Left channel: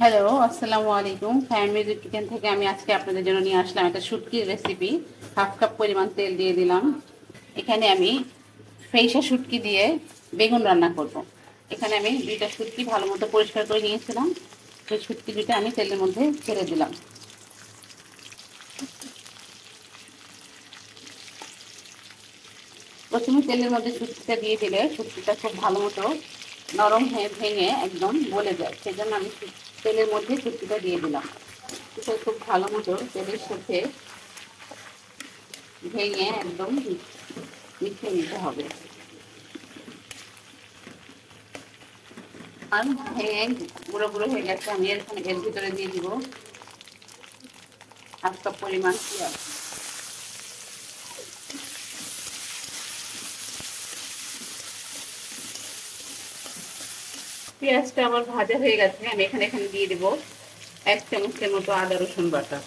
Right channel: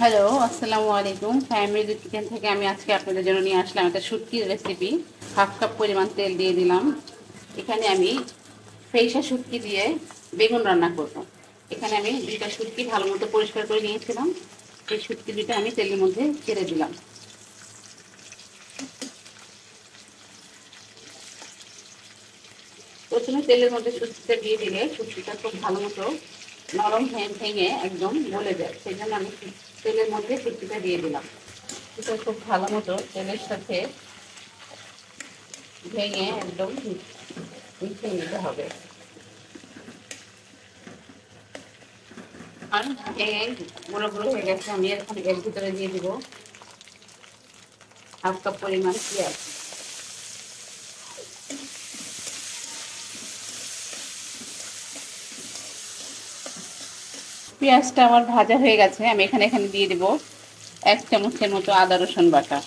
Hello, আসসালামু আলাইকুম। Family kitchen থেকে আমি আজকে আপনাদের জন্য নিয়ে আসলাম একটা শুটকির রেসিপি। হাফ কাপ পরিমাণ তেল দিয়ে দিলাম। এখানে আমি ফেইসা শুটকি দিয়ে বেগুন রান্না করব। এখানে আমি দুইটা শুটকি ভালো মতো পরিষ্কার করে নিয়েছিলাম। সেই শুটকি দুইটা আমি তেলের মধ্যে ছেড়ে দিলাম। প্রথমে তেলের মধ্যে শুটকিটা দিয়ে দিলে শুটকিটা খুব ভালো মতো নরম হয়ে ভেঙে একদম গলে যায়। সেই জন্য আমি তেলের মধ্যে শুটকিটা দিয়ে দিলাম। এটা খুব ভালো মতো তেলের সাথে ভেঙে একদম মিশিয়ে নিতে হবে। আর ভেঙে গুঁড়ো গুঁড়ো হয়ে গেছে। আমি এখন এর ভিতরে দিয়ে দিব হাফ কাপ পরিমাণ পেঁয়াজ। পেঁয়াজটা আমার ভাজা হয়ে গেছে। আমি এখানে দিয়ে দিব 1 চামচের মতো আদা রসুন বাটা।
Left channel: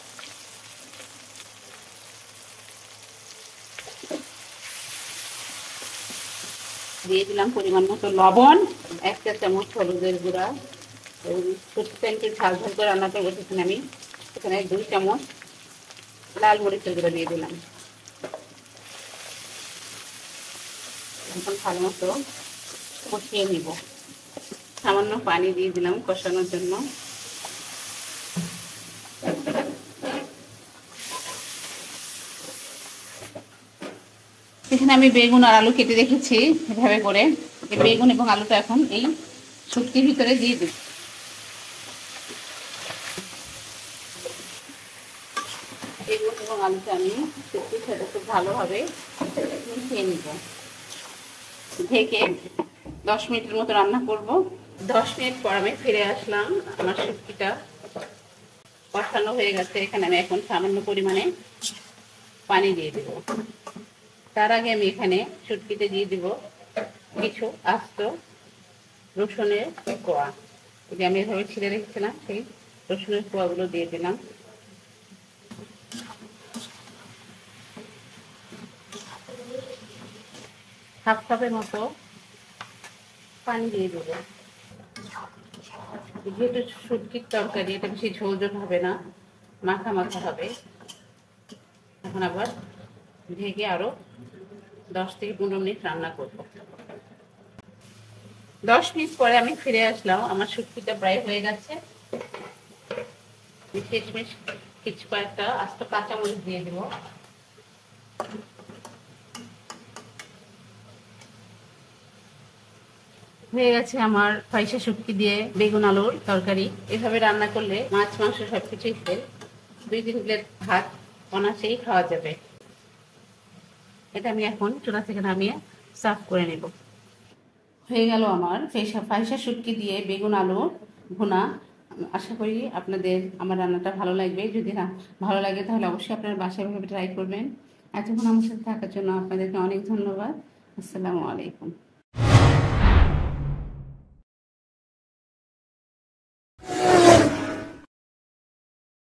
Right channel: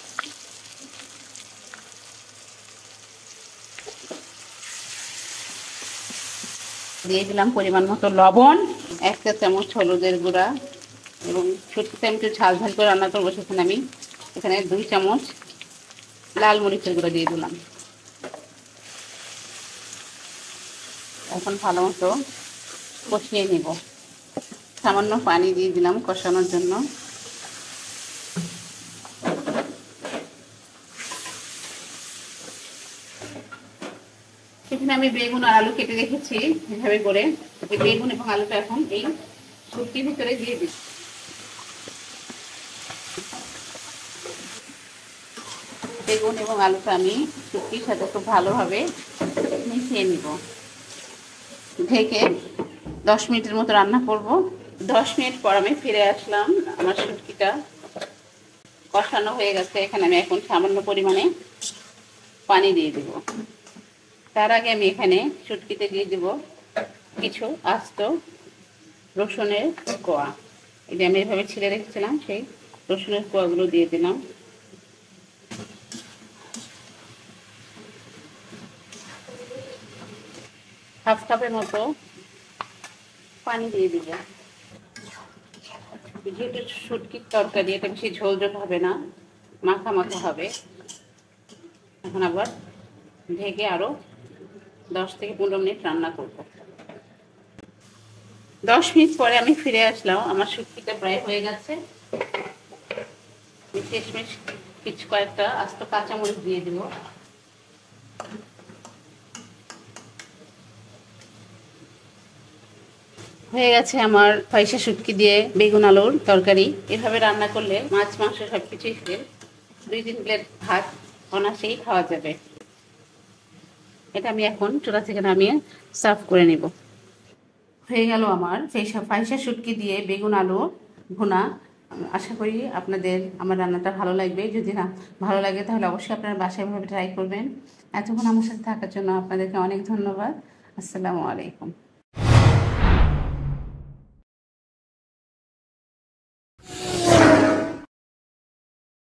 দিয়ে দিলাম পরিমাণ মতো লবণ, 1 চা চামচ হলুদের গুঁড়া এবং শুটকিটা একটু ঝাল ঝাল করে রান্না করবো সেখানে আমি এখানে 2 চামচ লাল মরিচের গুঁড়া দিয়ে দিলাম। এখন ভালো মতো কষিয়ে নিব। সামান্য পানি দিয়ে দিলাম কষানোর জন্য। এখানে আমি বেগুন আর আলু কেটে রেখেছি এভাবে করে। এই বেগুন এবং আলুটা এখন এই শুটকির ভিতরে দিয়ে দিই। বেগুন এবং আলুটা আমি শুটকির সাথে খুব ভালোভাবে মিশিয়ে নিব। ঢেকে 10 মিনিটের মতো রান্না করব। 10 মিনিট পর আমি ফিরে আসলাম। আমার শুটকিটা কষানো হয়ে গেছে। এখানে আমি এখন সামান্য পরিমাণে পানি দিয়ে দেব। তার আগে আমি এখানে শুটকিতে দিয়ে দেব কিছু আস্ত রসুনের কোয়া। এটা আমি এভাবে ছিঁড়ে রেখেছিলাম, সেই রসুনের কোয়াগুলো দিয়ে দিলাম। হাফ কাপের মতো পানি দিয়ে দেব। যেহেতু শুটকির তরকারি, এটা বেশি ঝোল ঝোল হবে না, মাখা মাখা হবে। এখন আবার ঢেকে আরো 10 থেকে 15 মিনিট রান্না করব। 10 মিনিট পরে আমি ফিরে আসলাম। আমার শুটকিটা প্রায় হয়ে গেছে। শেষমেশ কিছু কয়েকটা আস্ত কাঁচামরিচ দিয়ে দেব। হয়ে গেছে আমার ফাইসা শুটকি দিয়ে বেগুন আলুর তরকারি। এভাবে রান্না করলে মাছ মাংস সবকিছুই 2-3 প্লেট ভাত অনায়াসেই খাওয়া যাবে। এটা আমি এখন চুলা থেকে নামিয়ে সার্ভ করে নেব। হয়ে গেল আমার ফাইসা শুটকি দিয়ে বেগুন আলু ভুনা। আশা করি আপনাদের আমার রান্নাটা ভালো লাগবে। যদি না ভালো লাগে তাহলে অবশ্যই আপনারা বাসায় ভাবে ট্রাই করবেন। এতক্ষণ আমার সাথে থাকার জন্য আপনাদেরকে অনেক ধন্যবাদ। আসসালামু আলাইকুম।